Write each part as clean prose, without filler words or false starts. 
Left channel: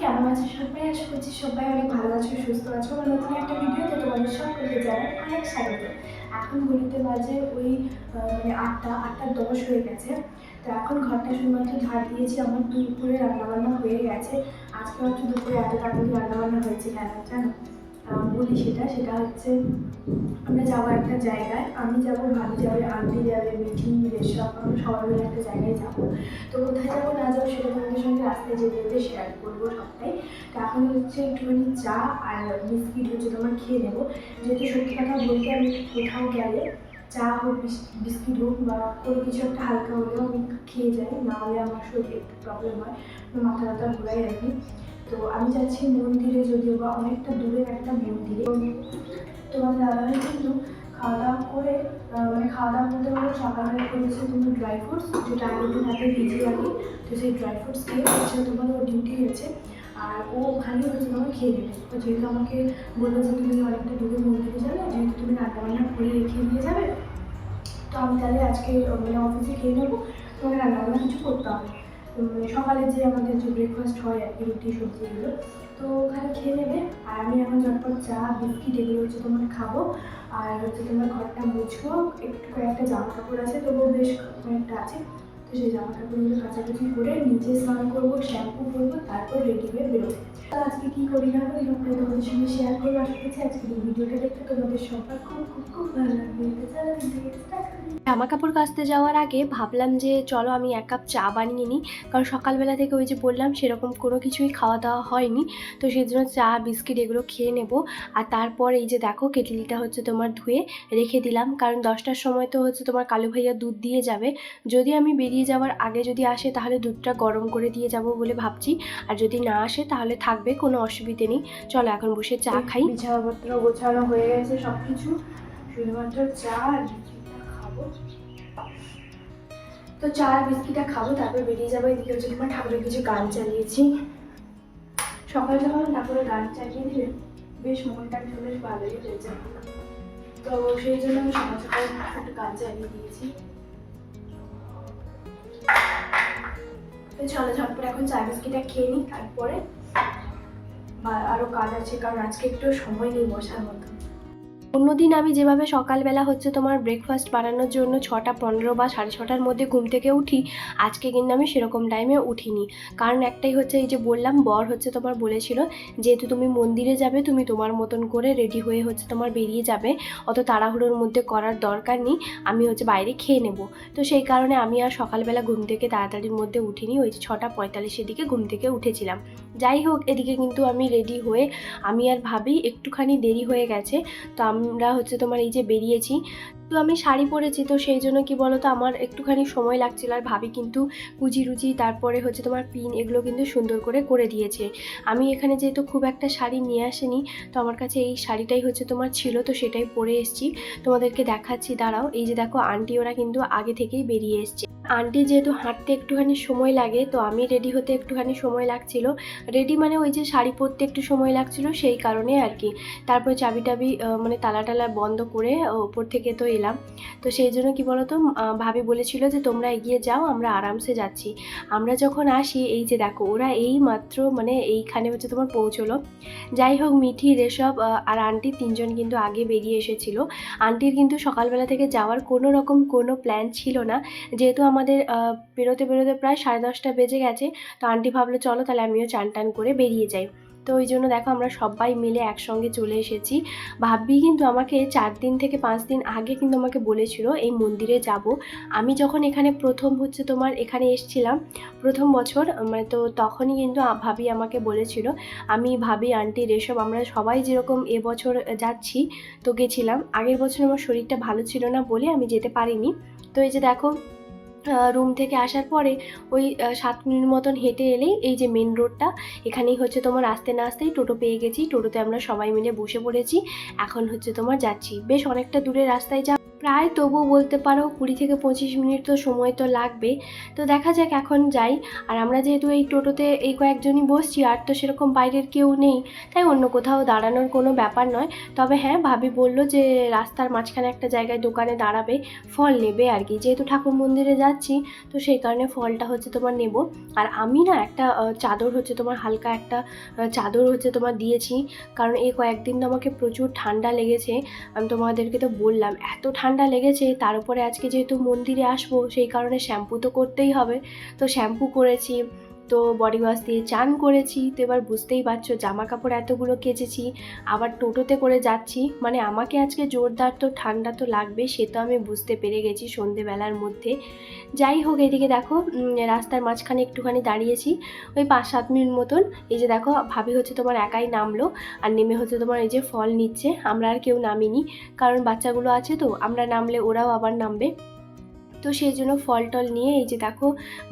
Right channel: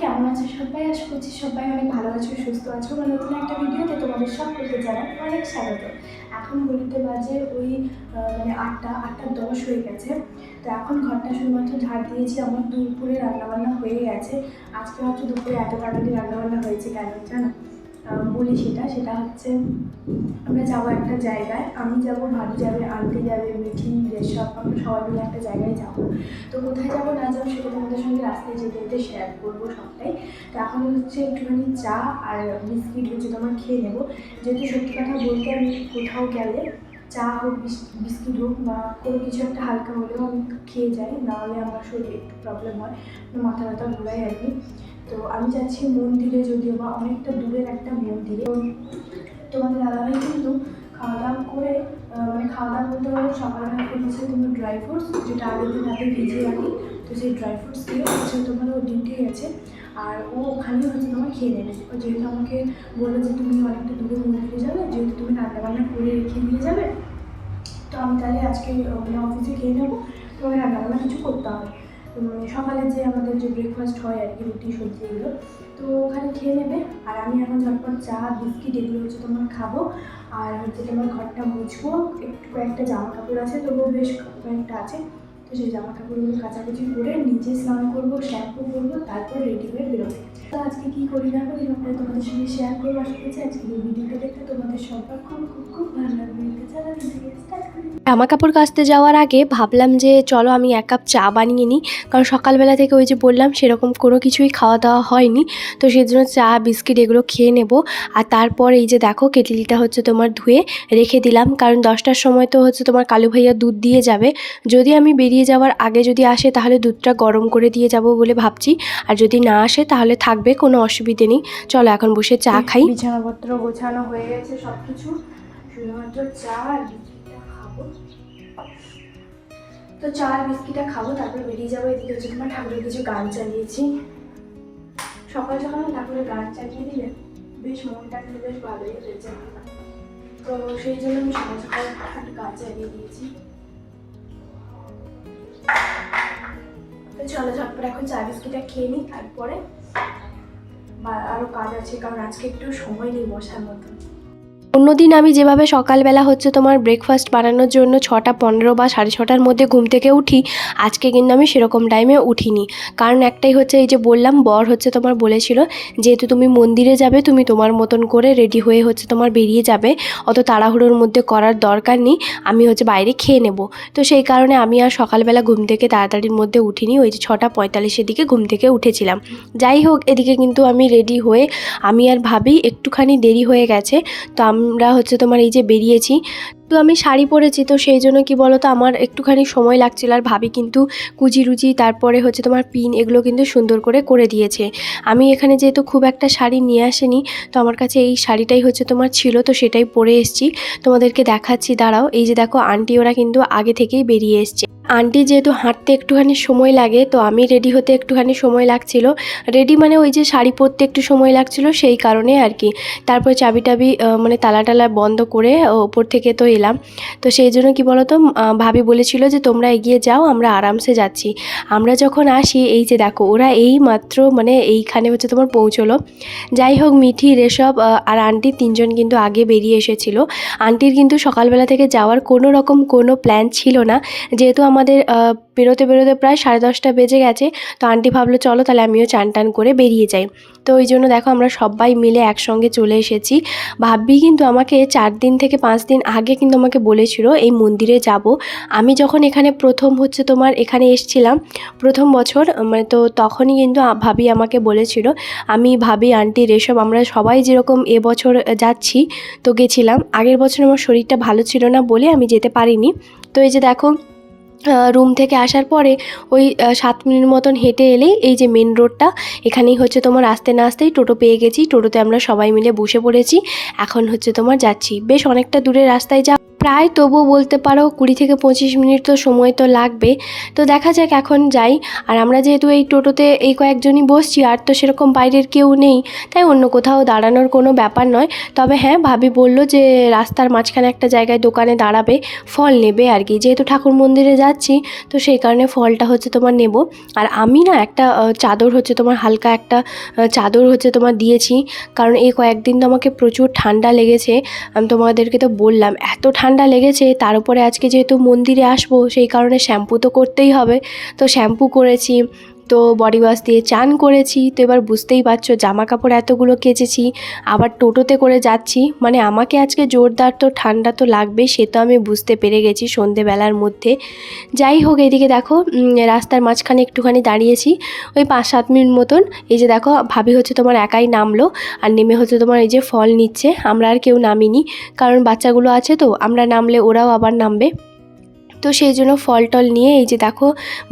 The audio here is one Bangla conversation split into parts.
কেমন আছো সবাই? আশা করছি সবাই অনেক ভালো আছো, সুস্থ আছো। নতুন একটা ভিডিওতে তোমাদের সকলকে জানাই অনেক স্বাগত। এখন ঘড়িতে বাজে ওই মানে 8টা 10 হয়ে গেছে। তো এখন ঘরটা শুধুমাত্র ঝাড় দিয়েছি, আমার দুপুরে রান্নাবান্না হয়ে গেছে। আজকে হচ্ছে দুপুরে এত তাড়াতাড়ি রান্নাবান্না হয়েছে কেন জানো? বলি সেটা হচ্ছে আমরা যাবো একটা জায়গায়, আমি যাব, ভাবি যাবে, আন্টি যাবে, মিঠি, রেশব, আমরা সবাই মিলে একটা জায়গায় যাবো। তো কোথায় যাবো না যাবো সেটা তোমাদের সঙ্গে রাস্তায় যেতে যেতে শেয়ার করবো সবটাই। তো এখন হচ্ছে একটুখানি চা আর বিস্কিট হচ্ছে তোমার খেয়ে নেবো, যেহেতু সত্যি কথা বলতে আমি কোথাও গেলে চা হোক বিস্কিট হোক বা কোনো কিছু একটা হালকা হলেও আমি খেয়ে যাই, নাহলে আমার শরীরে একটু প্রবলেম হয়, মাথা ব্যথা ঘোরাই আর কি। তো আমি যাচ্ছি মন্দিরে, যদিও বা অনেকটা দূরের একটা মন্দিরে। তোমাদের দাদাভাই কিন্তু খাওয়া দাওয়া করে মানে খাওয়া দাওয়া বলতে পারো সকালবেলা করেছে তোমার ড্রাই ফ্রুটস, যেটা আগের দিন রাতে ভিজিয়ে রাখি। তো সেই ড্রাই ফ্রুটস দিয়ে হচ্ছে তোমার ও ডিউটি গেছে, আর ও ওখানেই হচ্ছে তোমার খেয়ে নেবে। যেহেতু আমাকে বললো যে তুমি অনেকটা দূরে মন্দিরে যাবে, যেহেতু তুমি রান্না বান্না করে রেখে দিয়ে যাবে, তো আমি তাহলে আজকে মানে অফিসে খেয়ে নেবো, তোমাকে রান্নাবান্না কিছু করতে হবে। সকালে যে আমাদের যে ব্রেকফাস্ট হয় আর কি, রুটি সবজি এগুলো, তো ওখানে খেয়ে নেবে। আর আমি এখন ঝটপট চা বিস্কিট এগুলো হচ্ছে তোমার খাবো, আর হচ্ছে তোমার ঘরটা মুছবো। একটু কয়েকটা জামা কাপড় আছে, তবুও বেশ কয়েকটা আছে। তো সেই জামা কাপড়গুলো কাচাকুচি করে নিজে স্নান করবো, শ্যাম্পু করবো, তারপর রেডি হয়ে বেরোবো। তো আজকে কী করি না করি সবটাই তোমাদের সঙ্গে শেয়ার করবো। আশা করছি আজকে এই ভিডিওটা দেখতে তোমাদের সবার খুব খুব খুব ভালো লাগবে। চলো ভিডিও স্টার্ট করি। জামা কাপড় কাচতে যাওয়ার আগে ভাবলাম যে চলো আমি 1 কাপ চা বানিয়ে নিই, কারণ সকালবেলা থেকে ওই যে বললাম সেরকম কোনো কিছুই খাওয়া দাওয়া হয়নি। তো সেই জন্য চা বিস্কিট এগুলো খেয়ে নেব। আর তারপর এই যে দেখো কেটলিটা হচ্ছে তোমার ধুয়ে রেখে দিলাম, কারণ 10টার সময় তো হচ্ছে তোমার কালু ভাইয়া দুধ দিয়ে যাবে। যদি আমি বেরিয়ে যাওয়ার আগে যদি আসে তাহলে দুধটা গরম করে দিয়ে যাব বলে ভাবছি, আর যদি না আসে তাহলে থাকবে, কোনো অসুবিধে নেই। চলো এখন বসে চা খাই। বিছানাপত্র গোছানো হয়ে গেছে সব কিছু, শুধুমাত্র চা আর বিস্কিটটা খাবো। তো চা আর বিস্কিটটা খাবো, তারপর বেরিয়ে যাবো। এদিকে হচ্ছে তোমার ঠাকুরের কিছু গান চালিয়েছি, সকাল সকাল ঠাকুরের গান চালিয়ে দিলে বেশ মনটা একটু বেশ ভালোই হয়েছে। তো সেই জন্য আমি সকাল সকাল একটু গান চালিয়ে দিয়েছি। তো চলো ঝটপট এখন চা বিস্কিটটা খেয়ে নিই, তারপরে আরও কাজ আছে, কারণ আজকে একটু সময় নেই বসার মতো। অন্যদিন আমি যেভাবে সকালবেলা হচ্ছে তোমার ব্রেকফাস্ট বানানোর জন্য 6টা 15 বা 6:30টার মধ্যে ঘুম থেকে উঠি, আজকে কিন্তু আমি সেরকম টাইমে উঠিনি। কারণ একটাই হচ্ছে, এই যে বললাম বর হচ্ছে তোমার বলেছিল যেহেতু তুমি মন্দিরে যাবে, তুমি তোমার মতন করে রেডি হয়ে হচ্ছে তোমার বেরিয়ে যাবে, অত তাড়াহুড়োর মধ্যে করার দরকার নেই, আমি হচ্ছে বাইরে খেয়ে নেব। তো সেই কারণে আমি আর সকালবেলা ঘুম থেকে তাড়াতাড়ির মধ্যে উঠিনি, ওই যে 6টা 45-এর দিকে ঘুম থেকে উঠেছিলাম। যাই হোক, এদিকে কিন্তু আমি রেডি হয়ে আমি আর ভাবি একটুখানি দেরি হয়ে গেছে। তো আমরা হচ্ছে তোমার এই যে বেরিয়েছি, তো আমি শাড়ি পরেছি, তো সেই জন্য কি বলো তো আমার একটুখানি সময় লাগছিল। আর ভাবি কিন্তু কুচি রুচি তারপরে হচ্ছে তোমার পিন এগুলো কিন্তু সুন্দর করে করে দিয়েছে। আমি এখানে যেহেতু খুব একটা শাড়ি নিয়ে আসিনি, তো আমার কাছে এই শাড়িটাই হচ্ছে তোমার ছিল, তো সেটাই পরে এসেছি। তোমাদেরকে দেখাচ্ছি, দাঁড়াও। এই যে দেখো আন্টি ওরা কিন্তু আগে থেকেই বেরিয়ে এসছে। আন্টি যেহেতু হাঁটতে একটুখানি সময় লাগে, তো আমি রেডি হতে একটুখানি সময় লাগছিল। রেডি মানে ওই যে শাড়ি পরতে একটু সময় লাগছিল, সেই কারণে আর কি। তারপর চাবি টাবি মানে তালা টালা বন্ধ করে ওপর থেকে তো এলাম। তো সেই জন্য কি বলো তো, ভাবি বলেছিল যে তোমরা এগিয়ে যাও, আমরা আরামসে যাচ্ছি। আমরা যখন আসি, এই যে দেখো ওরা এই মাত্র মানে এইখানে হচ্ছে তোমার পৌঁছলো। যাই হোক, মিঠি, রেশব আর আন্টি 3জন কিন্তু আগে বেরিয়ে এসেছিলো। আন্টির কিন্তু সকালবেলা থেকে যাওয়ার কোনো রকম কোনো প্ল্যান ছিল না, যেহেতু আমাদের বেরোতে বেরোতে প্রায় 10:30 বেজে গেছে। তো আন্টি ভাবলো চলো তাহলে আমিও চান টান করে বেরিয়ে যাই। তো ওই জন্য দেখো আমরা সবাই মিলে একসঙ্গে চলে এসেছি। ভাবি কিন্তু আমাকে 4 দিন থেকে 5 দিন আগে কিন্তু আমাকে বলেছিল এই মন্দিরে যাব। আমি যখন এখানে প্রথম হচ্ছে তোমার এখানে এসেছিলাম প্রথম বছর, মানে তো তখনই কিন্তু ভাবি আমাকে বলেছিল। আমি ভাবি আন্টি রেশব আমরা সবাই যেরকম এবছর যাচ্ছি, তো গেছিলাম। আগের বছর আমার শরীরটা ভালো ছিল না বলে আমি যেতে পারিনি। তো এই যে দেখো রুম থেকে আসার পরে ওই 7 মিনিট মতন হেঁটে এলেই এই যে মেন রোডটা, এখানেই হচ্ছে তোমার আসতে না আসতেই টোটো পেয়ে গেছি। টোটোতে আমরা সবাই মিলে বসে পড়েছি, এখন হচ্ছে তোমার যাচ্ছি। বেশ অনেকটা দূরের রাস্তায় প্রায় তবু বলতে পারো 20 থেকে 25 মিনিট তো সময় তো লাগবে। তো দেখা যাক এখন যাই। আর আমরা যেহেতু এই টোটোতে এই কয়েকজনই বসছি, আর তো সেরকম বাইরের কেউ নেই, তাই অন্য কোথাও দাঁড়ানোর কোনো ব্যাপার নয়। তবে হ্যাঁ, ভাবি বলল যে রাস্তার মাঝখানে একটা জায়গায় দোকানে দাঁড়াবে, ফল নেবে আর কি। যেহেতু ঠাকুর মন্দিরে যাচ্ছি, তো সেই কারণে ফলটা হচ্ছে তোমার নেব। আর আমি না একটা চাদর হচ্ছে তোমার হালকা একটা চাদর হচ্ছে তোমার দিয়েছি, কারণ এই কয়েকদিন তো আমাকে প্রচুর ঠান্ডা লেগেছে। আমি তোমাদেরকে তো বললাম এত ঠান্ডা লেগেছে, তার উপরে আজকে যেহেতু মন্দিরে আসবো সেই কারণে শ্যাম্পু তো করতেই হবে। তো শ্যাম্পু করেছি, তো বডি ওয়াশ দিয়ে চান করেছি। তো এবার বুঝতেই পারছো জামা কাপড় এতগুলো কেচেছি, আবার টোটোতে করে যাচ্ছি, মানে আমাকে আজকে জোরদার তো ঠান্ডা তো লাগবেই, সে তো আমি বুঝতে পেরে গেছি সন্ধেবেলার মধ্যে। যাই হোক, এদিকে দেখো রাস্তার মাঝখানে একটুখানি দাঁড়িয়েছি ওই 5-7 মিনিট মতন। এই যে দেখো ভাবি হচ্ছে তোমার একাই নামলো, আর নেমে হচ্ছে তোমার এই যে ফল নিচ্ছে। আমরা আর কেউ নামিনি, কারণ বাচ্চাগুলো আছে, তো আমরা নামলে ওরাও আবার নামবে। তো সেই জন্য ফল টল নিয়ে এই যে দেখো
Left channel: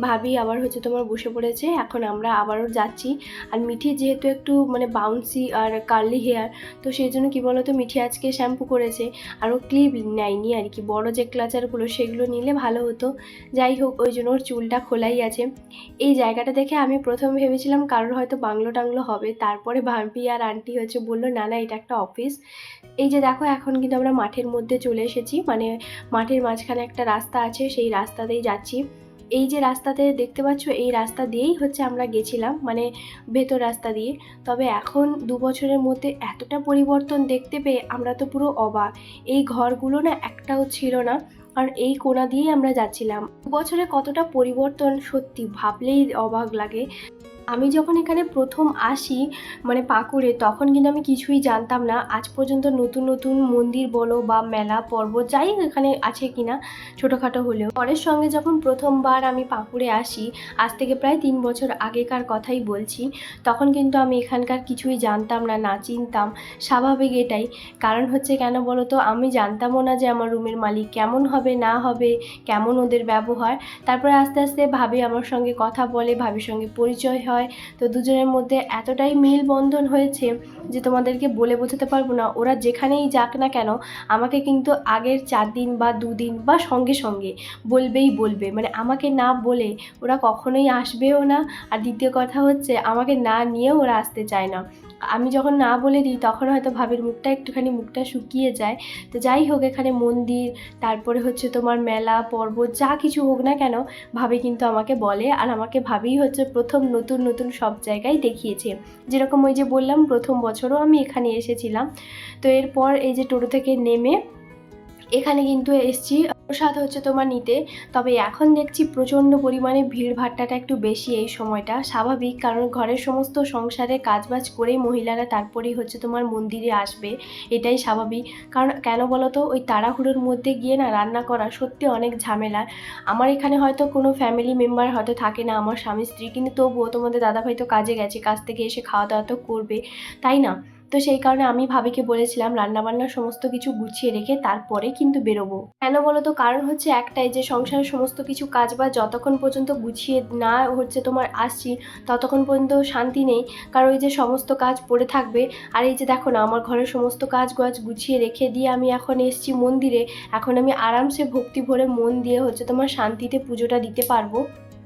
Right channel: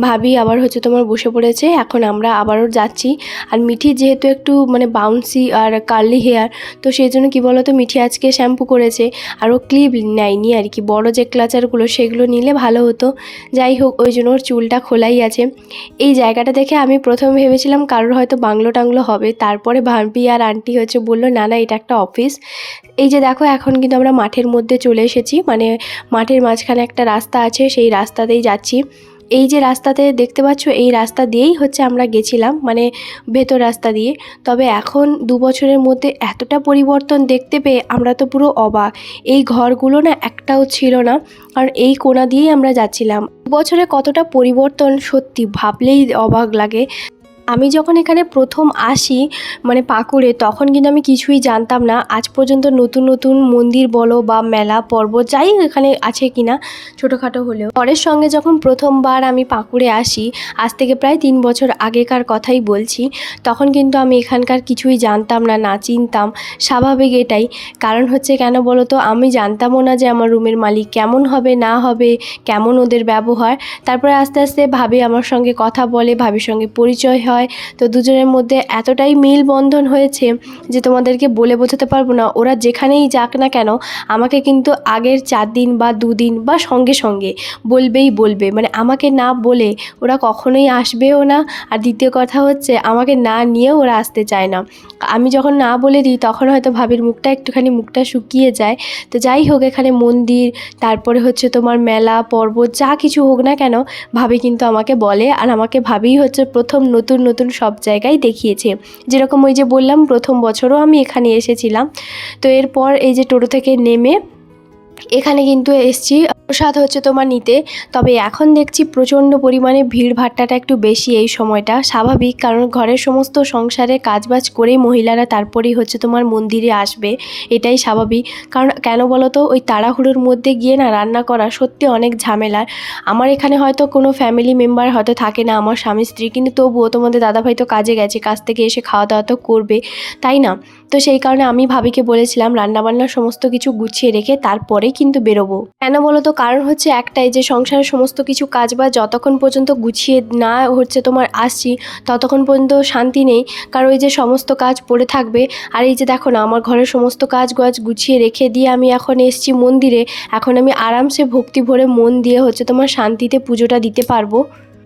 ভাবি আবার হচ্ছে তোমার বসে পড়েছে। এখন আমরা আবারও যাচ্ছি। আর মিঠি যেহেতু একটু মানে বাউন্সি আর কার্লি হেয়ার, তো সেই জন্য কী বলো তো, মিঠি আজকে শ্যাম্পু করেছে আর ও ক্লিপ নেয়নি আর কি। বড় যে ক্লাচারগুলো সেগুলো নিলে ভালো হতো। যাই হোক, ওই জন্য ওর চুলটা খোলাই আছে। এই জায়গাটা দেখে আমি প্রথমে ভেবেছিলাম কারোর হয়তো বাংলো টাংলো হবে, তারপরে ভাবি আর আন্টি হচ্ছে বললো না না, এটা একটা অফিস। এই যে দেখো এখন কিন্তু আমরা মাঠের মধ্যে চলে এসেছি, মানে মাঠের মাঝখানে একটা রাস্তা আছে, সেই রাস্তাতেই যাচ্ছি। এই যে রাস্তাতে দেখতে পাচ্ছ, এই রাস্তা দিয়েই হচ্ছে আমরা গেছিলাম, মানে ভেতর রাস্তা দিয়ে। তবে এখন 2 বছরের মধ্যে এতটা পরিবর্তন দেখতে পেয়ে আমরা তো পুরো অবাক। এই ঘরগুলো না একটাও ছিল না, কারণ এই কোণা দিয়েই আমরা যাচ্ছিলাম। 2 বছরে কতটা পরিবর্তন সত্যি ভাবলেই অবাক লাগে। আমি যখন এখানে প্রথম আসি মানে পাকুড়ে, তখন কিন্তু আমি কিছুই জানতাম না। আজ পর্যন্ত নতুন নতুন মন্দির বলো বা মেলা পর্বত যাই এখানে আছে কিনা ছোটোখাটো হলেও, পরের সঙ্গে যখন প্রথমবার আমি পাকুড়ে আসি, আজ থেকে প্রায় 3 বছর আগেকার কথাই বলছি, তখন কিন্তু আমি এখানকার কিছুই জানতাম না, না চিনতাম। স্বাভাবিক এটাই, কারণ হচ্ছে কেন বলো তো, আমি জানতামও না যে আমার রুমের মালিক কেমন হবে না হবে, কেমন ওদের ব্যবহার। তারপরে আস্তে আস্তে ভাবি আমার সঙ্গে কথা বলে, ভাবির সঙ্গে পরিচয় হয়। তো দুজনের মধ্যে এতটাই মিল বন্ধন হয়েছে যে তোমাদেরকে বলে বোঝাতে পারবো না। ওরা যেখানেই যাক না কেন, আমাকে কিন্তু আগের 4 দিন বা 2 দিন বা সঙ্গে সঙ্গে বলবে, মানে আমাকে না বলে ওরা কখনোই আসবেও না। আর দ্বিতীয় কথা হচ্ছে, আমাকে না নিয়েও ওরা আসতে চায় না। আমি যখন না বলে দিই তখন হয়তো ভাবির মুখটা শুকিয়ে যায়। তো যাই হোক, এখানে মন্দির, তারপরে হচ্ছে তোমার মেলা পর্বত যা কিছু হোক না কেন, ভাবি কিন্তু আমাকে বলে। আর আমাকে ভাবিই হচ্ছে প্রথম নতুন নতুন সব জায়গায় দেখিয়েছে। যেরকম ওই যে বললাম প্রথম বছরও আমি এখানে এসেছিলাম। তো এরপর এই যে টোটো থেকে নেমে এখানে কিন্তু এসছি প্রসাদ হচ্ছে তোমার নিতে। তবে এখন দেখছি প্রচণ্ড পরিমাণে ভিড় ভাট্টাটা একটু বেশি এই সময়টা, স্বাভাবিক, কারণ ঘরের সমস্ত সংসারে কাজবাজ করেই মহিলারা তারপরেই হচ্ছে তোমার মন্দিরে আসবে, এটাই স্বাভাবিক। কারণ কেন বলো তো, ওই তাড়াহুড়োর মধ্যে গিয়ে না রান্না করা সত্যি অনেক ঝামেলার। আমার এখানে হয়তো কোনো ফ্যামিলি মেম্বার হয়তো থাকে না, আমার স্বামী স্ত্রী, কিন্তু তবুও তোমাদের দাদাভাই তো কাজে গেছে, কাজ থেকে এসে খাওয়া দাওয়া তো করবে, তাই না? তো সেই কারণে আমি ভাবিকে বলেছিলাম রান্নাবান্নার সমস্ত কিছু গুছিয়ে রেখে তারপরে কিন্তু বেরোবো। কেন বলো তো, কারণ হচ্ছে একটাই, যে সংসারের সমস্ত কিছু কাজ বা যতক্ষণ পর্যন্ত গুছিয়ে না হচ্ছে তোমার আসছি, ততক্ষণ পর্যন্ত শান্তি নেই। কারণ ওই যে সমস্ত কাজ পড়ে থাকবে। আর এই যে দেখো না, আমার ঘরের সমস্ত কাজ গুছিয়ে রেখে দিয়ে আমি এখন এসছি মন্দিরে। এখন আমি আরামসে ভক্তি ভরে মন দিয়ে হচ্ছে তোমার শান্তিতে পুজোটা দিতে পারবো।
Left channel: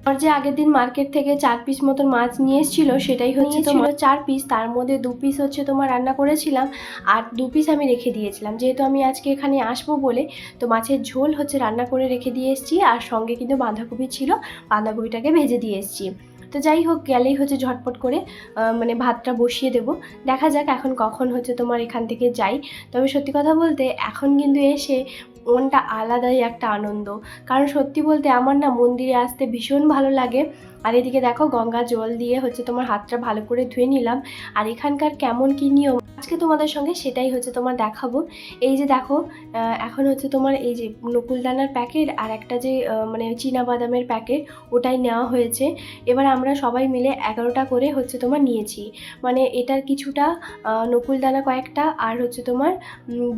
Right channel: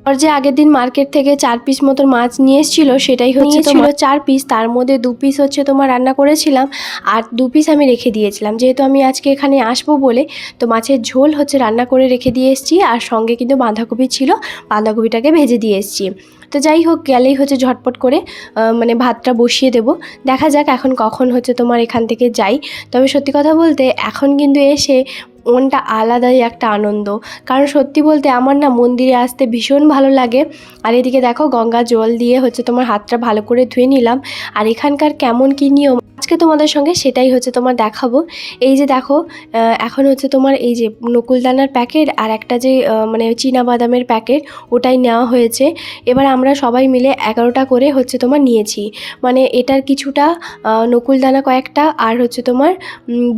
আর যে আগের দিন মার্কেট থেকে 4 পিস মতো মাছ নিয়ে এসেছিল, সেটাই হচ্ছে তোমার 4 পিস, তার মধ্যে 2 পিস হচ্ছে তোমার রান্না করেছিলাম, আর 2 পিস আমি রেখে দিয়েছিলাম, যেহেতু আমি আজকে এখানে আসবো বলে। তো মাছের ঝোল হচ্ছে রান্না করে রেখে দিয়ে এসেছি, আর সঙ্গে কিন্তু বাঁধাকপি ছিল, বাঁধাকপিটাকে ভেজে দিয়ে এসেছি। তো যাই হোক, গেলেই হচ্ছে ঝটপট করে মানে ভাতটা বসিয়ে দেবো। দেখা যাক এখন কখন হচ্ছে তোমার এখান থেকে যাই। তবে সত্যি কথা বলতে এখন কিন্তু এসে মনটা আলাদাই একটা আনন্দ, কারণ সত্যি বলতে আমার না মন্দিরে আসতে ভীষণ ভালো লাগে। আর এদিকে দেখো গঙ্গা জল দিয়ে হচ্ছে তোমার হাতটা ভালো করে ধুয়ে নিলাম। আর এখানকার কেমন কী নিয়ম আজকে তোমাদের সঙ্গে সেটাই হচ্ছে তোমার দেখাবো। এই যে দেখো এখন হচ্ছে তোমার এই যে নকুলদানার প্যাকেট আর একটা যে মানে চীনাবাদামের প্যাকেট, ওটাই নেওয়া হয়েছে। এবার আমরা সবাই মিলে 11টা করে হচ্ছে তোমার নিয়েছি, মানে এটার কিছুটা নকুলদানা কয়েকটা আর হচ্ছে তোমার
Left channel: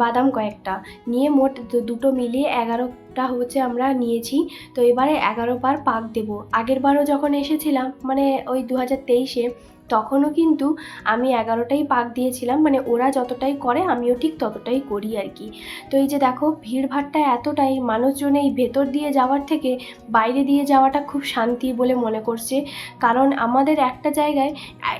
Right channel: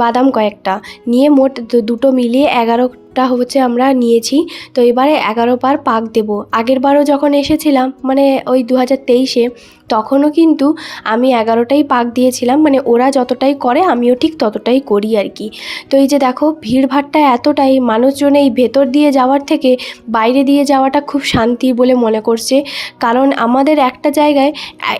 বাদাম কয়েকটা নিয়ে মোট দুটো মিলিয়ে 11টা পাকটা হচ্ছে আমরা নিয়েছি। তো এবারে 11 পার পাক দেব। আগের বারও যখন এসেছিলাম মানে ওই 2023-এ, তখনও কিন্তু আমি 11টাই পাক দিয়েছিলাম, মানে ওরা যতটাই করে আমিও ঠিক ততটাই করি আর কি। তো এই যে দেখো ভিড়ভাট্টা এতটাই, মানুষজন এই ভেতর দিয়ে যাওয়ার থেকে বাইরে দিয়ে যাওয়াটা খুব শান্তি বলে মনে করছে। কারণ আমাদের একটা জায়গায়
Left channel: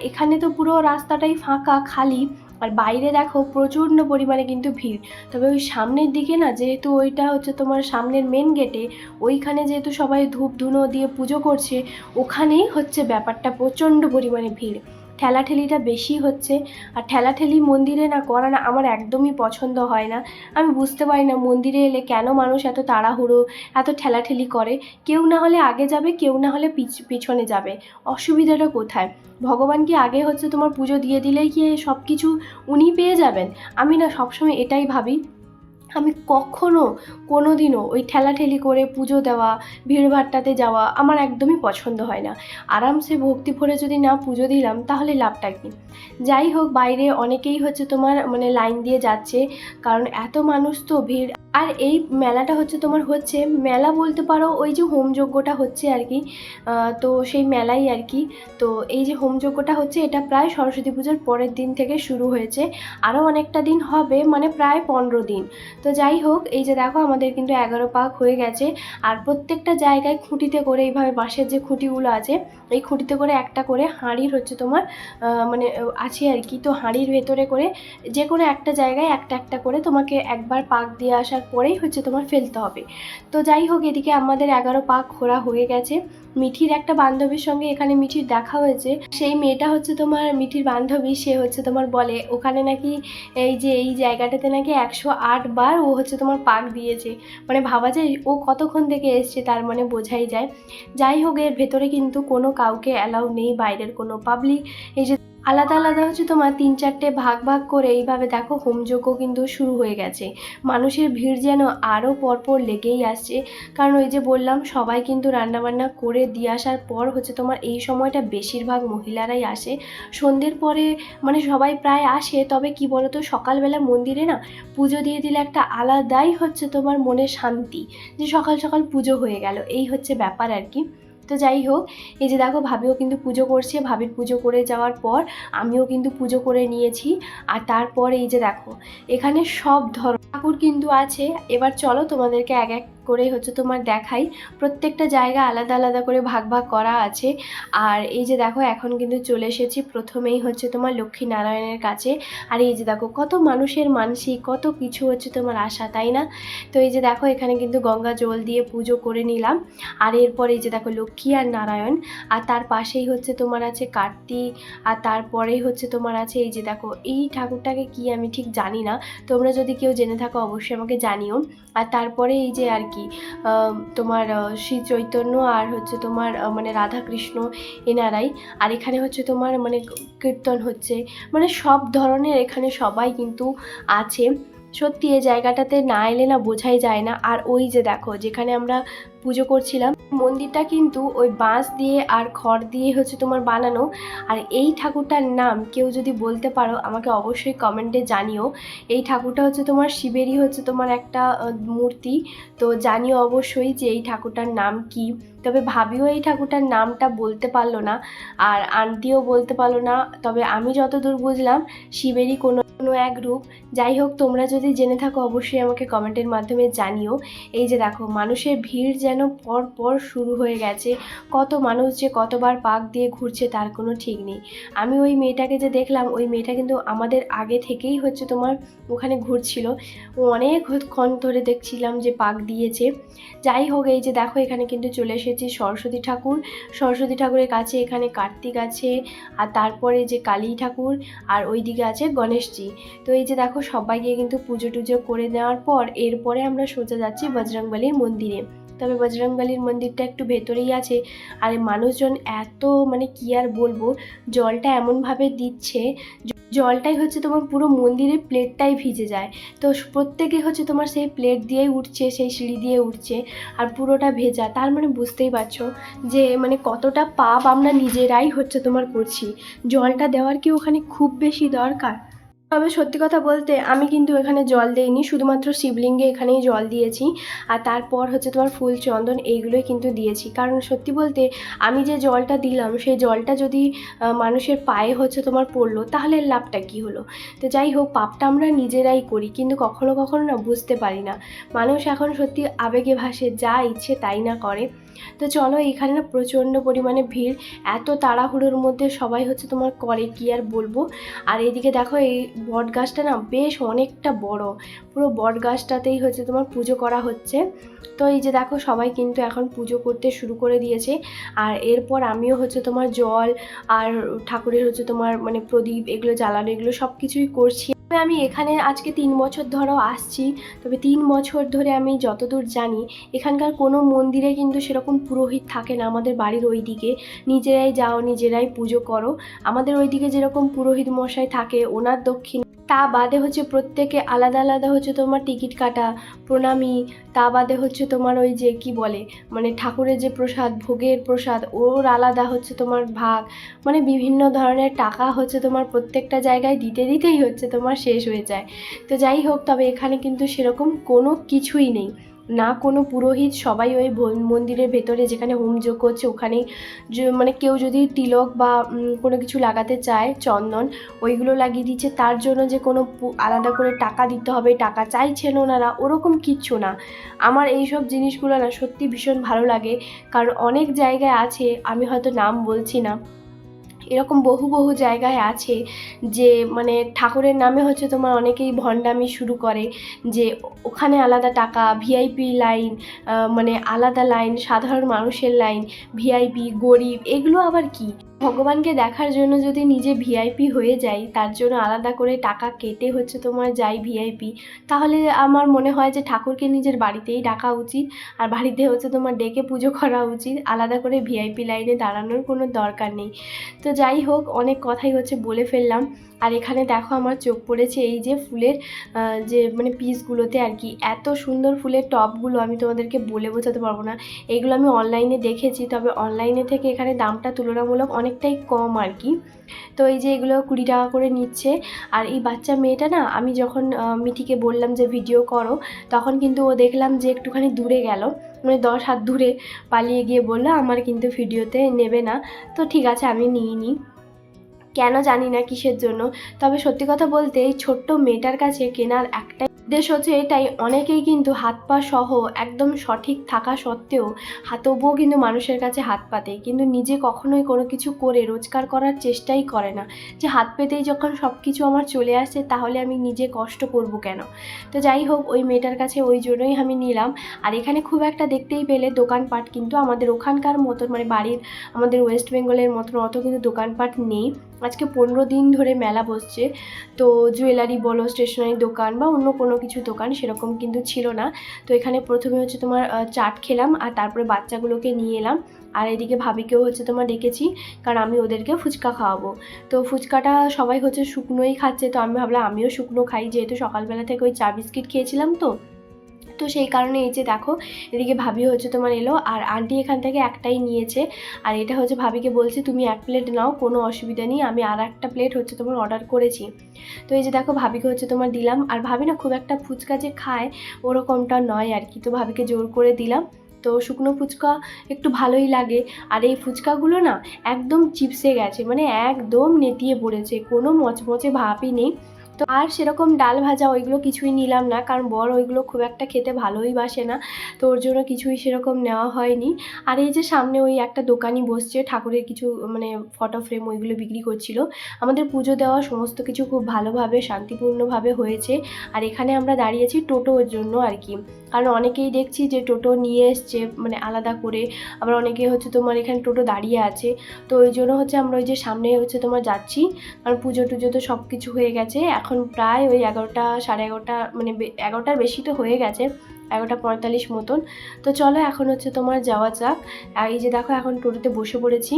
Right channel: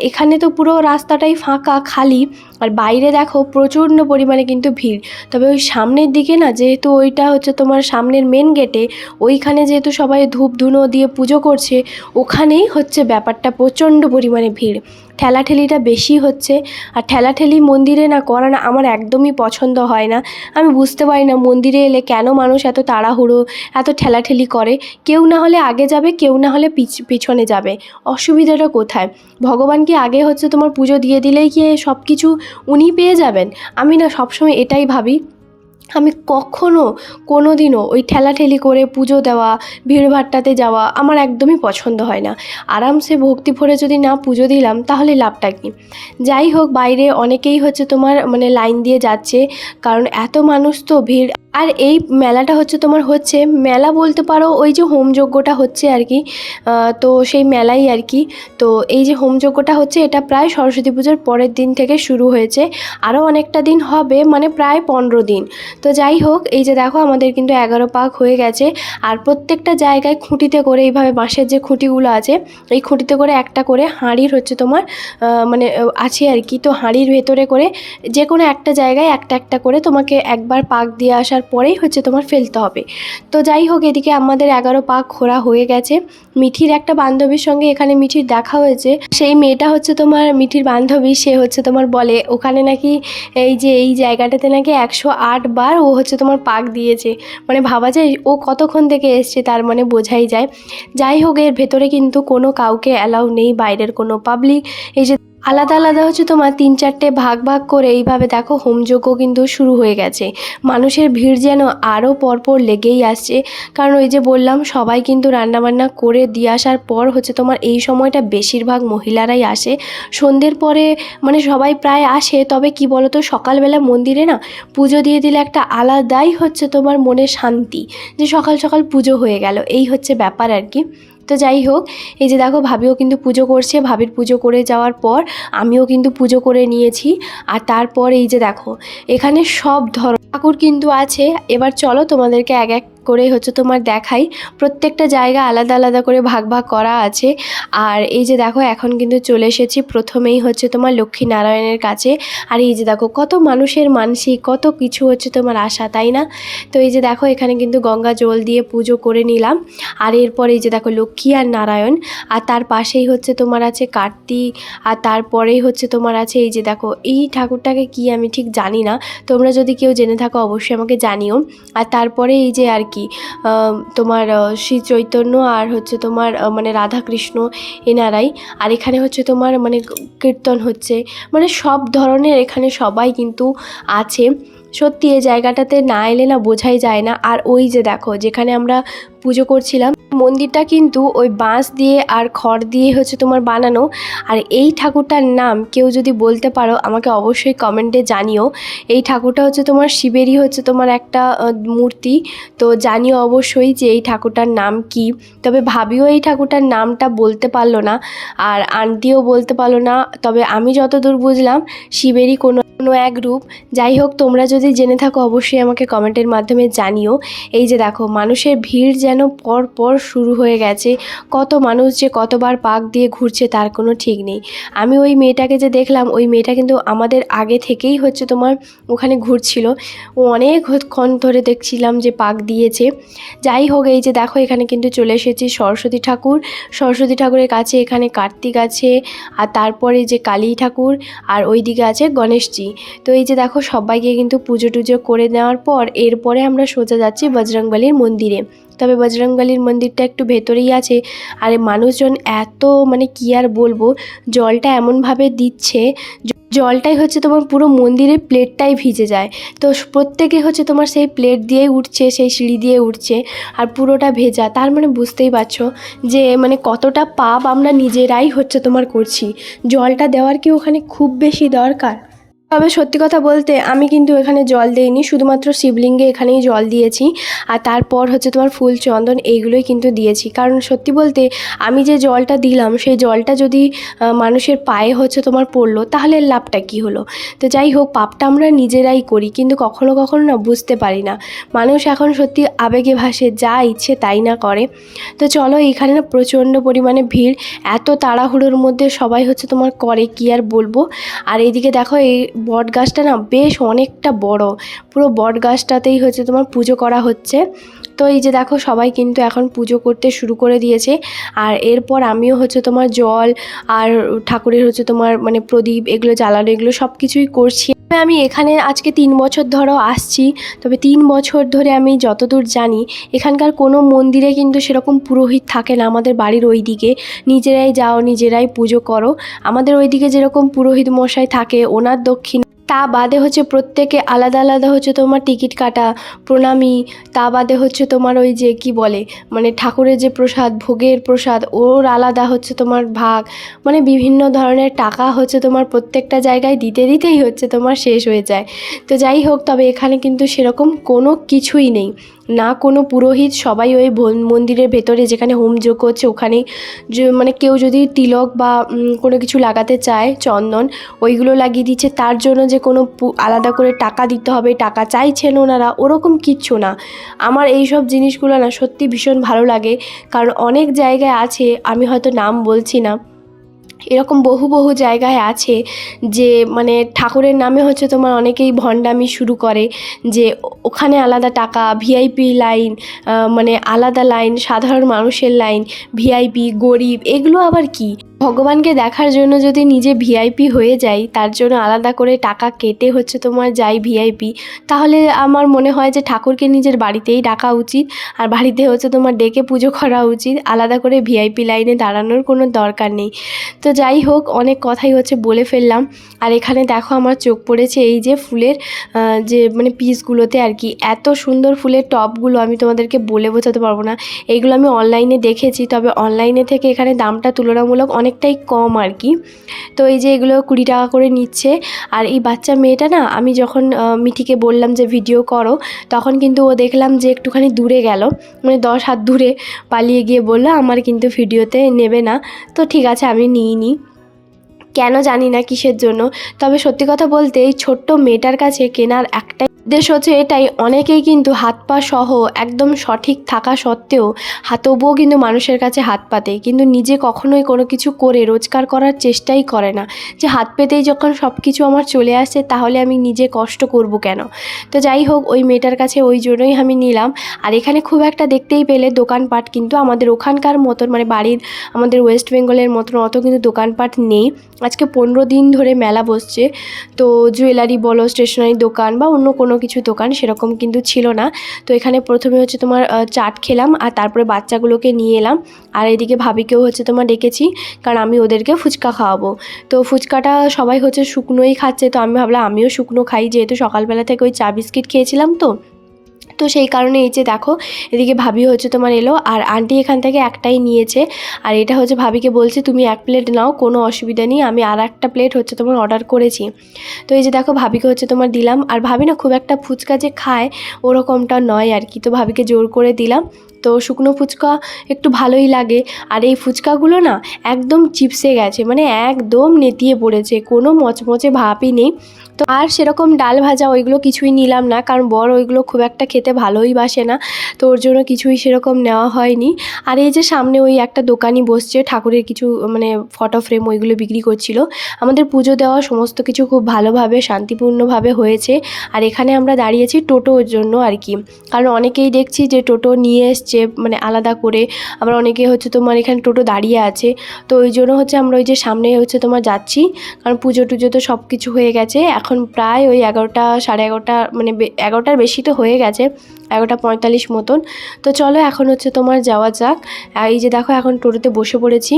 এখানে তো পুরো রাস্তাটাই ফাঁকা খালি, আর বাইরে দেখো প্রচণ্ড পরিমাণে কিন্তু ভিড়। তবে ওই সামনের দিকে না, যেহেতু ওইটা হচ্ছে তোমার সামনের মেন গেটে, ওইখানে যেহেতু সবাই ধূপ ধুনো দিয়ে পুজো করছে, ওখানেই হচ্ছে ব্যাপারটা প্রচণ্ড পরিমাণে ভিড়, ঠেলাঠেলিটা বেশি হচ্ছে। আর ঠেলাঠেলি মন্দিরে না করা না আমার একদমই পছন্দ হয় না। আমি বুঝতে পারি না মন্দিরে এলে কেন মানুষ এত তাড়াহুড়ো, এত ঠেলাঠেলি করে। কেউ না হলে আগে যাবে, কেউ না হলে পিছনে যাবে, অসুবিধাটা কোথায়? ভগবান কি আগে হচ্ছে তোমার পুজো দিয়ে দিলেই কি সব কিছু উনি পেয়ে যাবেন? আমি না সবসময় এটাই ভাবি। আমি কখনো কোনো দিনও ওই ঠেলাঠেলি করে পুজো দেওয়া, ভিড়ভাট্টাতে যাওয়া আমার একদমই পছন্দ হয় না। আরামসে ভক্তি ভরে যদি না পুজো দিলাম তাহলে লাভটা কী? যাই হোক, বাইরে অনেকেই হচ্ছে তোমার মানে লাইন দিয়ে যাচ্ছে, কারণ এত মানুষ তো ভিড়। আর এই মেলাটা হচ্ছে তোমার হচ্ছে মেলা বলতে পারো, ওই যে হোমযজ্ঞটা হচ্ছে আর কি, তো সেই মেলাই আর কি। তো এই যে হোমযজ্ঞটা হচ্ছে এটা প্রায় সরস্বতী পুজোর পরের দিন থেকে শুরু হয়েছে, আরও অনেকটা দিন হবে, মানে প্রায় 15 দিন। তো যাই হোক, এই যে দেখো আমাদের কিন্তু 11 পাক হয়ে গেছে। আর প্রত্যেকটা জায়গায় খুঁটিতে করে এইভাবে বাঁশের যে খুঁটিগুলো আছে, এই খুঁটিতে করে একটা করে হাঁড়ির হচ্ছে তোমার মানে আছে আর কি। তো হাঁড়ির ভেতরে করে যে কোনো একটা জায়গায় একটা একটা করে তোমাকে একবার পাক দিয়ে আসার পরেই হচ্ছে তোমার ফেলতে হবে। তো যাই হোক, এদিকে আমাদের 11 পাক ঘোরা হয়ে গেছে। মিঠির একটা বান্ধবীর সঙ্গে এখানে মিঠির দেখা হয়েছে। সেই মেয়েটা হচ্ছে তোমার মিঠির বান্ধবী, সে হচ্ছে তোমার বলে ওখানে নাকি এই যে এই জায়গাটাতে নাকি 108 বার ও হচ্ছে তোমার পাক দিয়েছে। মানে ভাবা যায় ও কতক্ষণ থেকে এসছে, তার মানে বোঝাই যায়। যাই হোক, এর ভেতরে কিন্তু কোনো কাউকে অ্যালাউ নেই, বাইরের কোনো পাবলিক। এই যে আলাদা আলাদা হচ্ছে তোমার 3-4টে ভাগ ভাগ করে এইভাবে দেখো হোমযজ্ঞ কিন্তু শুরু হয়ে গেছে। মানুষের ভিড় যেন আরও পরপর লেগেই আসছে, কারণ ওই যে বললাম সবাই কিন্তু রান্নাবান্না করে দিয়ে আসার পর হচ্ছে তোমার এই সময়টা বেশিরভাগ মহিলারাই আসে। সন্ধ্যের পরে মানে সবাই প্রায় আসে, তবে কি বলো তো, সকালবেলা মন্দিরে না পুজো দিয়ে দিলে একটা আলাদাই হচ্ছে তোমার মনে শান্তি, যে সকাল সকাল পুজো হয়ে গেল, এই হচ্ছে ব্যাপার আর কি। তো যাই হোক, এই যে দেখো ভাবিও কিন্তু পুজো করছে, ভাবির পুজো করে যাওয়ার পর আমিও কিন্তু পুজো করে নিয়েছি। আর তারপর এই যে দেখো এখানে সব ঠাকুর কিন্তু আছে। এবার চলো তোমাদেরকে এক এক করে হচ্ছে তোমার দেখাই। প্রত্যেকটা জায়গা আলাদা আলাদা করে ভাগ ভাগ করা আছে। আর এই যে দেখো এখন কিন্তু চলে এসেছি প্রথমেই হচ্ছে তোমার লক্ষ্মীনারায়ণের কাছে। আর এই যে দেখো কত মানুষের মানসিক, কত কিছু হচ্ছে তোমার আশা, তাই না? তো এই যে দেখো এখানে কিন্তু গঙ্গা জল দিয়ে পুজো করে নিলাম। আর এরপর এই যে দেখো লক্ষ্মী আর নারায়ণ, আর তার পাশেই হচ্ছে তোমার আছে কার্তিক, আর তারপরেই হচ্ছে তোমার আছে এই যে দেখো এই ঠাকুরটাকে কি আমি ঠিক জানি না, তোমরা যদি কেউ জেনে থাকো অবশ্যই আমাকে জানিও। আর তারপরে এই যে আর কি তোমার শ্রী চৈতন্য আর হচ্ছে তোমার মানে রাধাকৃষ্ণ এনারাই। আর এখানে হচ্ছে তোমার মানে কীর্তন হচ্ছে, মানে সব ধরনের এখানে সবাই কিন্তু আছে। সত্যি এই জায়গাটাতে না এলে না বোঝাই যায় না। আর ওই যে দেখো যেখানে আমরা পুজো করছিলাম, মন্দিরটা কিন্তু ওই বাঁশ দিয়ে আর খড় দিয়ে হচ্ছে তোমার বানানো। আর এই ঠাকুরটার নাম কেউ যদি বলতে পারো আমাকে অবশ্যই কমেন্টে জানিও। এই ঠাকুরটা হচ্ছে তোমার শিবেরই হচ্ছে তোমার একটা মূর্তি। তো জানিও অবশ্যই যে এই ঠাকুরটার নাম কি। তবে ভাবিও এই ঠাকুরটার নামটা বলতে পারলো না, আর আন্টিও বলতে পারলো না। তবে আমি যতদূর বুঝলাম শিবেরই কোনো এক রূপ। যাই হোক, তোমরা যদি জেনে থাকো অবশ্যই আমাকে কমেন্টের মাধ্যমে জানিও। এই যে দেখো মানুষের ভিড় যেন পর পর শুরু হয়ে গেছে। কত মানুষ যে কতবার পাক দিয়ে ঘুরছে তার কোনো ঠিক নেই। আমি ওই মেয়েটাকে যে দেখলাম, ওই মেয়েটা কিন্তু আমাদের আগে থেকেই হচ্ছে তোমার ওখানে ঘুরছিল। ও অনেকক্ষণ ধরে দেখছিলাম যে পাক দিয়েছে। যাই হোক, এই যে দেখো এখানে কিন্তু চলে এসেছি সরস্বতী ঠাকুর। সরস্বতী ঠাকুরের কাছে এখানে কার্তিক আছে, আর তারপরে যে কালী ঠাকুর, আর ওই দিকে আছে গণেশজি। তো এই যে দেখো সবাইকে কিন্তু পুজো টুজো করে নেওয়ার পর এরপরে আমরা সোজা যাচ্ছি বজরংবলীর মন্দিরে। তবে বজরংবলীর মন্দিরটা একটু ভেতরেই আছে। আর মানুষজন এত মানে কি আর বলবো, জলটা এমনভাবে দিচ্ছে, জলটাই হচ্ছে তোমার পুরো মন্দিরের প্লেটটাই ভিজে যায়। তো প্রত্যেকে হচ্ছে তোমার সেই প্লেট দিয়েই উঠছে, সেই সিঁড়ি দিয়ে উঠছে, আর পুরোটা ভেজা। তার মানে বুঝতেই পারছো যে মানে কতটা পাপ আমরা নিজেরাই হচ্ছে তোমার করছি। জলটা দেওয়ার কি ওখানে খুব বেশি দরকার? তবে সত্যি কথা বলতে আমি কিন্তু এখানে জল দেইনি, শুধুমাত্র শিবলিঙ্গে এখানেই জল দিয়েছি। আর তারপর হচ্ছে তোমার ফুল চন্দন এইগুলোই কিন্তু দিয়েছি। কারণ সত্যি বলতে আমি যে জলটা দিলাম সেই জলটা যদি মানুষের পায়ে হচ্ছে তোমার পড়লো তাহলে লাভটা কী হলো। তো যাই হোক, পাপটা আমরা নিজেরাই করি, কিন্তু কখনো কখনো না বুঝতে পারি না। মানুষ এখন সত্যি আবেগে ভাসে, যা ইচ্ছে তাই না করে। তো চলো, এইখানে না প্রচণ্ড পরিমাণে ভিড়, এত তাড়াহুড়োর মধ্যে সবাই হচ্ছে তোমার করে কি আর বলবো। আর এইদিকে দেখো, এই বট গাছটা না বেশ অনেকটা বড়, পুরো বট গাছটাতেই হচ্ছে তোমার পুজো করা হচ্ছে। তো এই যে দেখো, সবাই কিন্তু এখন পুজো করতে শুরু করে দিয়েছে। আর এরপর আমিও হচ্ছে তোমার জল আর ঠাকুরের হচ্ছে তোমার মানে প্রদীপ এগুলো জ্বালানো, এগুলো সব কিছুই করছি। আমি এখানে আজকে 3 বছর ধরো আসছি। তবে 3 বছর ধরে আমি যতদূর জানি এখানকার কোনো মন্দিরে কিন্তু সেরকম পুরোহিত থাকে না। আমাদের বাড়ির ওই দিকে নিজেরাই যাও, নিজেরাই পুজো করো। আমাদের ওইদিকে যেরকম পুরোহিত মশাই থাকে, ওনার দক্ষিণ তা বাদে হচ্ছে প্রত্যেকে আলাদা আলাদা হচ্ছে তোমার টিকিট কাটা, প্রণামী। তা বাদে হচ্ছে তোমার ওই যে কি বলে, মানে ঠাকুরের যে প্রসাদ, ভোগের প্রসাদ, ওর আলাদা হচ্ছে তোমার ভাগ। মানে বিভিন্ন ধরনের টাকা হচ্ছে তোমার প্রত্যেকটা জায়গায় দিতে দিতেই হচ্ছে তোমার শেষ হয়ে যায়। তো যাই হোক, তবে এখানে কিন্তু সেরকম কোনো কিছুই নেই, না কোনো পুরোহিত। সবাই ওই মন্দিরের ভেতরে যেখানে হোমযজ্ঞ হচ্ছে ওখানেই মানে কেউ যদি তিলক বা কোনো কিছু লাগাতে চায়, চন্দন, ওইগুলো লাগিয়ে দিচ্ছে। তার জন্য যে কোনো আলাদা করে টাকা দিতে হবে, টাকা চাইছেন ওনারা, ওরকম কিচ্ছু না। আমার এই সব জিনিসগুলো না সত্যি ভীষণ ভালো লাগে। কারণ অনেক জায়গায় আছে, আমি হয়তো নাম বলছি না, এরকম বহু বহু জায়গায় আছে যে মানে ঠাকুরের নামে হচ্ছে তোমার অনেকেই ভণ্ডামি শুরু করে, যে ওখানে আলাদা টাকা, ভিআইপি লাইন, মানে আলাদা লাইন, সাধারণ মানুষের লাইন, ভিআইপি, গরিব, এগুলো আবার কি? ভগবানকে দেখার জন্য যদি নিজে ভিআইপি হয়ে যাই, তার জন্য আলাদা করে টাকা কেটে হচ্ছে তোমার যাই ভিআইপি, তাহলে আমার মনে হয় যে ঠাকুরকে নিজের বাড়িতেই ডাকা উচিত। আর বাড়িতে হচ্ছে তোমার ডেকে পুজো করা উচিত, আলাদা করে ভিআইপি লাইনে দাঁড়ানোর কোনো দরকার নেই। তো যাই হোক, অনেক কথাই হচ্ছে বলে ফেললাম। আর এখানে দেখো, আমার চোখ পড়েছে এই যে ফুলের যে মানে পিসগুলোতে আর কি, এত সুন্দর ফুলের টবগুলো আমি তোমাদেরকে বলে বোঝাতে পারবো না। এইগুলো আমি অনলাইনে দেখেছি, তবে অনলাইনে থেকে এখানে দামটা তুলনামূলক অনেকটাই কম আর কি। তো এই যে এগুলো 20 টাকা করে নিচ্ছে। আর এই বাচ্চা মেয়েটা না, আমি যখন মিঠিকে বললাম যে ভিডিও করো, তখন কিন্তু ও দেখলাম যে একটুখানি দূরে গেল, মানে 10 হাত দূরে পালিয়ে গিয়ে বললো আমার কিন্তু ভিডিওতে নেবে না। তো ঠিক আছে, আমি নিইনি, কেন জানি না কিসের জন্য। তবে সত্যি কথা বলতে এই ছোট্ট মেয়েটার কাছে কেনার একটাই উদ্দেশ্য হচ্ছে এটাই, অনেকেই কিন্তু হাত পা সহ একদম সঠিক থাকা সত্ত্বেও তবুও কিন্তু মানুষের কাছে হাত পাতে, কিন্তু নিজে কখনোই কোনো কিছু করে রোজগার করার চেষ্টাই করে না। যে হাত পেতেই যখন সব কিছু আমার চলে আসছে, তাহলে আমি নিজে কষ্ট করব কেন? তো যাই হোক, ওই মেয়েটার কাছে ওই জন্যই আমি নিলাম। আর এখানে খুব একটা দেখতেই পেলে দোকানপাট কিন্তু আমাদের ওখানকার মতন, মানে বাড়ির আমাদের ওয়েস্ট বেঙ্গলের মতন অত কিন্তু দোকানপাট নেই। আজকে 15 দিন ধরে মেলা বসছে, তো জুয়েলারি বলো, স্টেশনারি দোকান বা অন্য কোনো কিছু দোকান সেরকম কিন্তু ছিল না। তো এখানে প্রথমে হচ্ছে তোমার চাট খেলাম, আর তারপরে বাচ্চাগুলোকে নিয়ে এলাম। আর এদিকে ভাবিকেও হচ্ছে তোমার ডেকেছি, কারণ আমি ওদেরকে ফুচকা খাওয়াবো। তো ফুচকাটা সবাই হচ্ছে শুকনোই খাচ্ছে, তো আমি ভাবলাম আমিও শুকনো খাই, যেহেতু সকালবেলা থেকে ওই চা বিস্কিট খেয়েছিলাম। তো সেই কারণে এই যে দেখো, এদিকে ভাবি হচ্ছে তোমার এলো, আর আন্টি এখান থেকে একটাই নিয়েছে। আর এটা হচ্ছে ভাবিকে বলছি তুমি 1 প্লেট নাও, কোনো অসুবিধা নেই, আমি আর একটা প্লেট হচ্ছে তোমার অর্ডার করেছি। তো এই যে দেখো, ভাবিকে হচ্ছে তোমার দিলাম। আর ভাবি না খুব একটা ফুচকা যে খায় ওরকমটা নয় আর কি, তো ভাবিকে জোর করে দিলাম। তো শুকনো ফুচকা একটু ভালোই লাগে। আর এই ফুচকাগুলো না একদম চিপসে গেছে, মানে একদম নেতিয়ে পড়েছে, কোনো মচমচে ভাবই নেই। তো আর সেরকম ডাল ভাজা ওইগুলো কিছুই নিলাম না, কারণ বর ওইগুলো খুব একটা খেতে ভালোই বাসে না, তো ওর জন্য কিছুই সেরকম নেওয়া হয়নি। আর এই যে সামনে ওই একটা দোকানই বসছে, ঠাকুরের কিছু মানে ফটো ফ্রেম ওইগুলো বিক্রি করছিল। আমাদের পুজো দেওয়া সমস্ত কিছু খুব ভালোভাবে শান্তিপূর্ণভাবে হয়েছে। আর এখানে আমরা দাঁড়িয়েছি টোটোর জন্য আর কি, কারণ অনেকেই দেখছি যে টোটো নিয়ে এসছে মানে আলাদা করে, আবার অনেকে হচ্ছে তোমার এখানে টোটো দাঁড়িয়ে আছে। তো ওই জন্য হচ্ছে আমরা ওই যে সামনে হচ্ছে তোমার যাচ্ছি, কারণ পুজো টুজো তো সব কিছু হয়ে গেছে। এখন প্রায় ওই 11টা, সাড়ে 11টা, মানে 11টার বেশি তো হয়ে গেছে, 11টা 45 মতন। তো চলো এখন হচ্ছে তোমার যাওয়া যাক। এই যে দেখো, এখন টোটোতে বসে পড়েছি।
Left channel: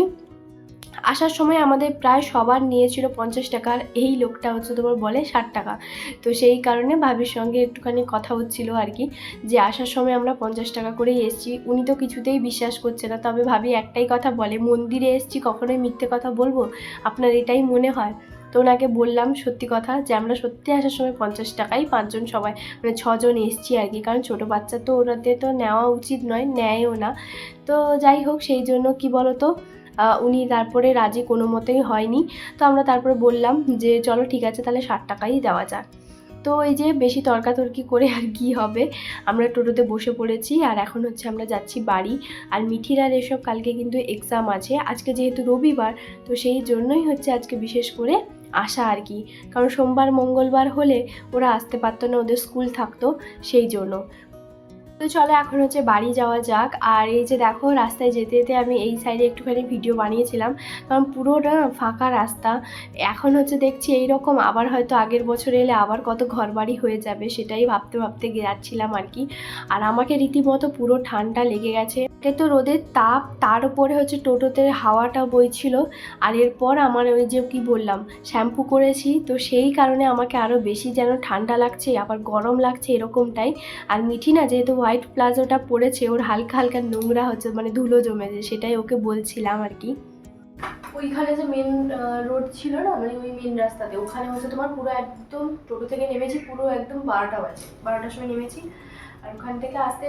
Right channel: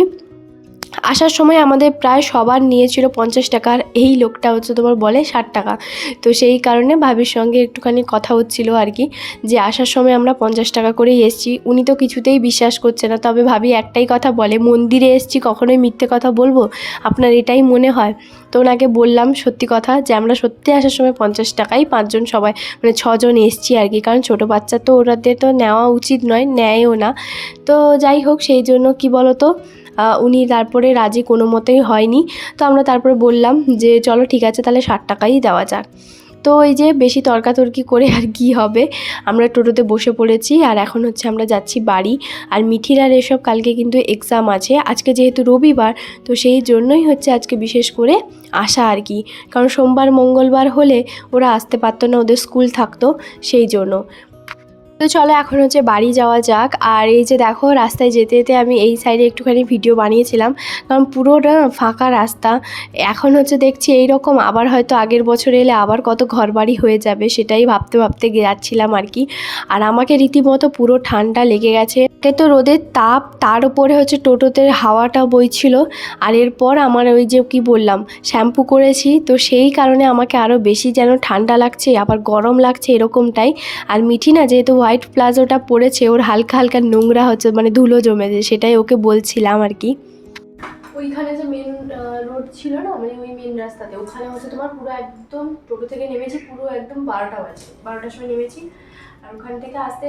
আসার সময় আমাদের প্রায় সবার নিয়েছিল 50 টাকা, আর এই লোকটা হচ্ছে তোমার বলে 60 টাকা। তো সেই কারণে ভাবির সঙ্গে একটুখানি কথা হচ্ছিল আর কি, যে আসার সময় আমরা 50 টাকা করেই এসেছি। উনি তো কিছুতেই বিশ্বাস করছে না, তবে ভাবি একটাই কথা বলে, মন্দিরে এসেছি কখনোই মিথ্যে কথা বলবো, আপনার এটাই মনে হয়? তো ওনাকে বললাম সত্যি কথা, যে আমরা সত্যি আসার সময় 50 টাকাই 5 জন সবাই মানে 6 জন এসেছি আর কি, কারণ ছোটো বাচ্চা তো ওরাদের তো নেওয়া উচিত নয়, নেয়ও না। তো যাই হোক, সেই জন্য কি বলো তো, উনি তারপরে রাজি কোনো মতেই হয়নি। তো আমরা তারপরে বললাম যে চলো ঠিক আছে, তাহলে 60 টাকাই দেওয়া যাক। তো এই যে বেশি তর্কাতর্কি করে আর কি হবে, আমরা টোটোতে বসে পড়েছি, আর এখন হচ্ছে আমরা যাচ্ছি বাড়ি। আর মিঠির আর এসব কালকে কিন্তু এক্সাম আছে, আজকে যেহেতু রবিবার, তো সেই জন্যই হচ্ছে আজকে বিশেষ করে আসা আর কি, কারণ সোমবার মঙ্গলবার হলে ওরা আসতে পারতো না, ওদের স্কুল থাকতো, সেই জন্য। তো চলো এখন হচ্ছে বাড়ি যাওয়া যাক। আর এই যে দেখো, রাস্তায় যেতে যেতে আমি এই সাইডে একটুখানি ভিডিও বানিয়েছিলাম, কারণ পুরোটা ফাঁকা রাস্তা। এখন হচ্ছে দেখছি এই রকম, আবার হয়তো আগের বছর এলে আবার কত ঘরবাড়ি হয়ে যাবে, সেটাই ভাবতে ভাবতে যাচ্ছিলাম আর কি। আর আমাকে রীতিমতো পুরো ঠান্ডা লেগে গেছে, একে তো রোদের তাপ, তার উপরে হচ্ছে টোটোতে হাওয়াটা বইছিল। আর এরপর আমার ওই যে কি বললাম, শ্যাম্পু করেছি, তো সেই কারণে আমাকে আরও বেশি যেন ঠান্ডা লাগছে, আবার গরম লাগছে এরকমটাই। আর মিঠি না, যেহেতু হোয়াইট প্লাজোটা পরেছে, ওর হালকা হালকা নোংরা হচ্ছে, মানে ধুলো জমেছে, সেটাই ওকে বলছিলাম আর কি। ওইখানে যে মেন রোড ছিল না, মানে ওই মেন রাস্তাতে, ওখানে হচ্ছে তোমার পুরো একদম টোটো থেকে নেমেছি, পুরো একদম 12টা বাজে, 12টার সময় নেমেছি। আর ওখান থেকে আসতে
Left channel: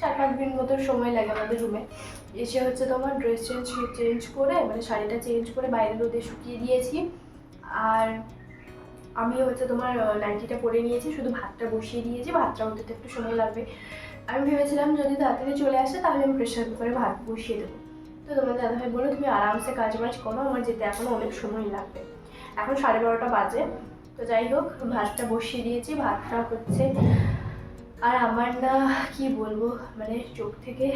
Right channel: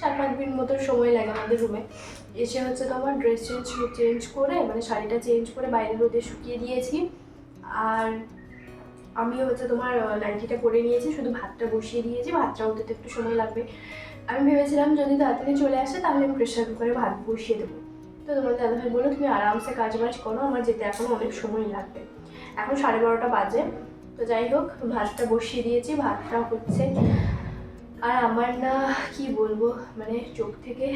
4-5 মিনিট মতো সময় লাগে আমাদের রুমে। এসে হচ্ছে তোমার ড্রেস চেঞ্জ করে, মানে শাড়িটা চেঞ্জ করে বাইরে রোদে শুকিয়ে দিয়েছি। আর আমি হচ্ছে তোমার নাইটিটা পরে নিয়েছি, শুধু ভাতটা বসিয়ে দিয়েছি, ভাতটা হতে তো একটু সময় লাগবে। আমি ভেবেছিলাম যদি তাড়াতাড়ি চলে আসে তাহলে আমি প্রেশার কুকারে ভাত বসিয়ে দেবো। তো তোমার দাদাভাই বললো তুমি আরামসে কাজ বাজ করো, আমার যেতে এখনও অনেক সময় লাগবে। এখন 12:30 বাজে। তো যাই হোক, ভাতটা বসিয়ে দিয়েছি, ভাতটাও হচ্ছে। আর আমার না কি বলবো, মানে চোখ থেকে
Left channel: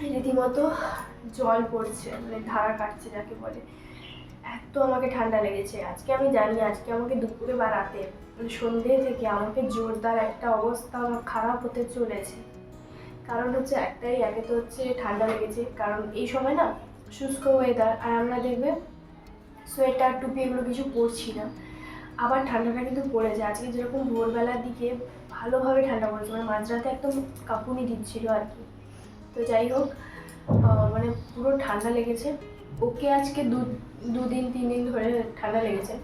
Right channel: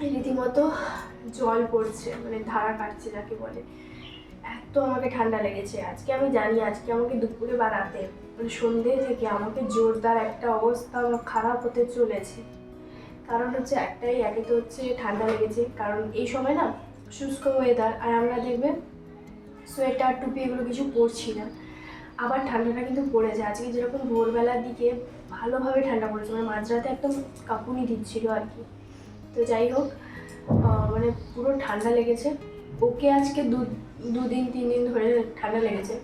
রীতিমতো জল পড়ছে, মানে ধারা কাটছে যাকে বলে, এত আমাকে ঠান্ডা লেগেছে আজকে। আমি জানি আজকে আমাকে দুপুরে বা রাতে, মানে সন্ধ্যে থেকে আমাকে জোরদার একটা অবস্থা খারাপ হতে চলেছে। কারণ হচ্ছে একটাই, একে তো হচ্ছে ঠান্ডা লেগেছে, কারণ এই সময় না শুষ্ক ওয়েদার, আর আমরা দেখবে সোয়েটার টুপি এগুলো কিছু পরছি না। আবার ঠান্ডাটা কিন্তু পড়েছে আজকে, যেরকম ভোরবেলার দিকে ভালোভাবে ঠান্ডা পড়েছে, মানে মাঝরাতে একদম কাঁপুনি দিচ্ছিল আর কি। তো যাই হোক, মানে পুরো ঠান্ডা লেগেছে। ওকে আজকে 2-3 দিন ধরে ঠান্ডা লেগেছে,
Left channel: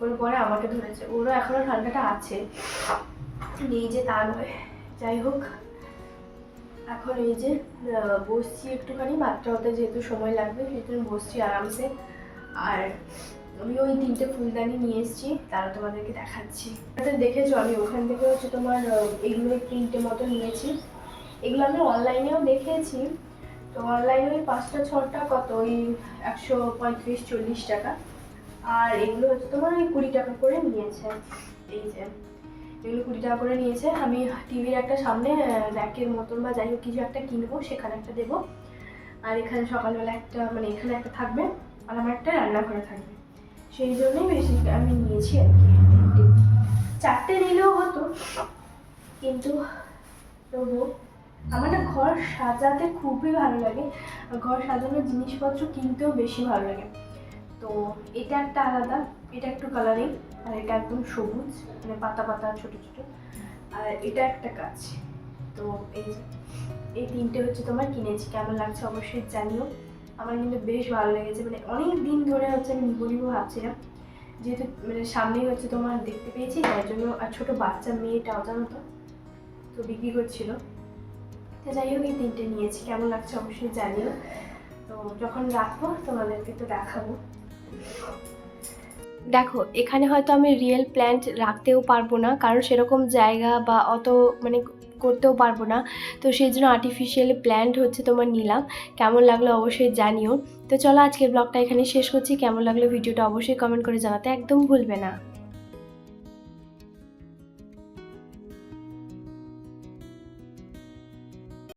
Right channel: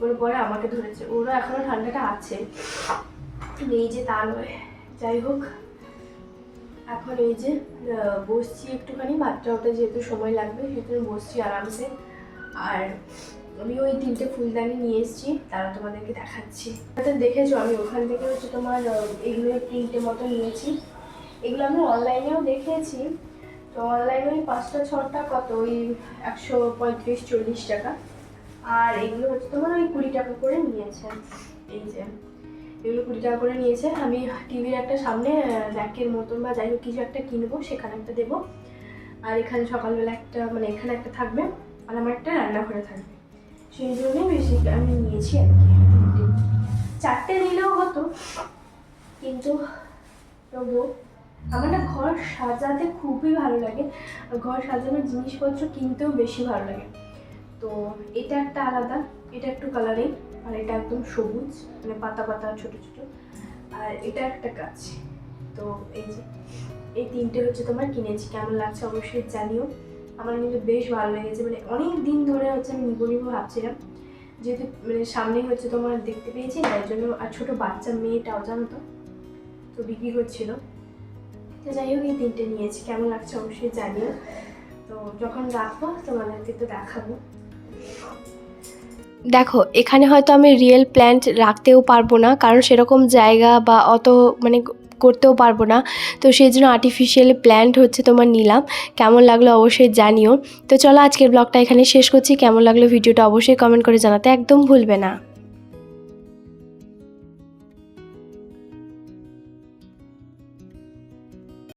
ওর পরে আমাকে ধরেছে, ওরও এখনও ঠান্ডাটা আছে, নেই যে তা নয়। যাই হোক, এখন এই যে বসছি একটুখানি, ভাতটা হতে যেহেতু সময় লাগবে সেহেতু বসছি আরামসে। আর আমি ওই 3টে ফুলদানি নিয়ে এসেছি, তারা তোমাদেরকে দেখাচ্ছি। দেখেছো আমি ওখান থেকে হচ্ছে তোমার এগুলো 3টে মতো নিয়েছি। এগুলো আমি অনলাইনেও দেখেছি, তো অনলাইনে ওই 5টা 6টা কত, ওই 135-40 টাকা। আর এগুলো হচ্ছে তোমার ওই 20 টাকা করে নিয়েছে। এই যে এগুলো 20 টাকা করে নিয়েছে। আমি টিভির একটা সামনে র্যাকের মতন বা যাই হোক কিছু একটা কিনবো, সেখানে একটা দেবো। আর এখানে সকালবেলা একটা, মানে এখানে একটা থাকবে, আর আমার একটা রান্নাঘরে থাকবে, সেই জন্যই বেশি আমি নিয়েছি আর কি। 4টে নিলেও হতো, কিন্তু তবুও আমার না ঘর সাজাতে খুবই ভালো লাগে, ঘর সাজানোর জিনিসপত্র কিনতেও বেশি ভালো লাগে। তো এটা একটা আলাদা, এটা একটু কালারিং, আর এটা একদম সবুজ, মানে পাতা পাতা ছোটো ছোটো, আর এটা একটা গাছ। তো এই যে এই 3টে হচ্ছে তোমার কিনেছি, কেমন লাগছে অবশ্যই জানিও। আমার কিন্তু বেশ ভালো লেগেছে, মানে অনেক দিন ধরে হচ্ছে আমি নিবো নিবো ভাবছিলাম, যেহেতু মানে সামনেই হচ্ছে তোমার দেখতে পেয়েছি, তাই জন্য। আর ছোটো বাচ্চা মেয়েটাও জানো তো বিক্রি করছিল। তো যাই হোক, এই 3টে নিয়েছি, কেমন লাগছে অবশ্যই জানিও। তো যখন রাখবো তোমাদেরকে তো দেখাবো। দেখো, এখানে হয়তো আমি রিয়েল প্ল্যান্ট রাখতেও পারবো না, কারণ সেরকম জায়গা বা অত মানে করতেও পারবো না, তো সেই জন্য আর্টিফিশিয়াল প্ল্যান্ট হচ্ছে তোমার নিলাম। কেমন লাগলো অবশ্যই জানিও। তো চলো আজকের ব্লগটা এখানে শেষ করছি, কেমন লাগলো ভিডিওটা অবশ্যই কমেন্ট করে জানাতে একদম ভুলবে না।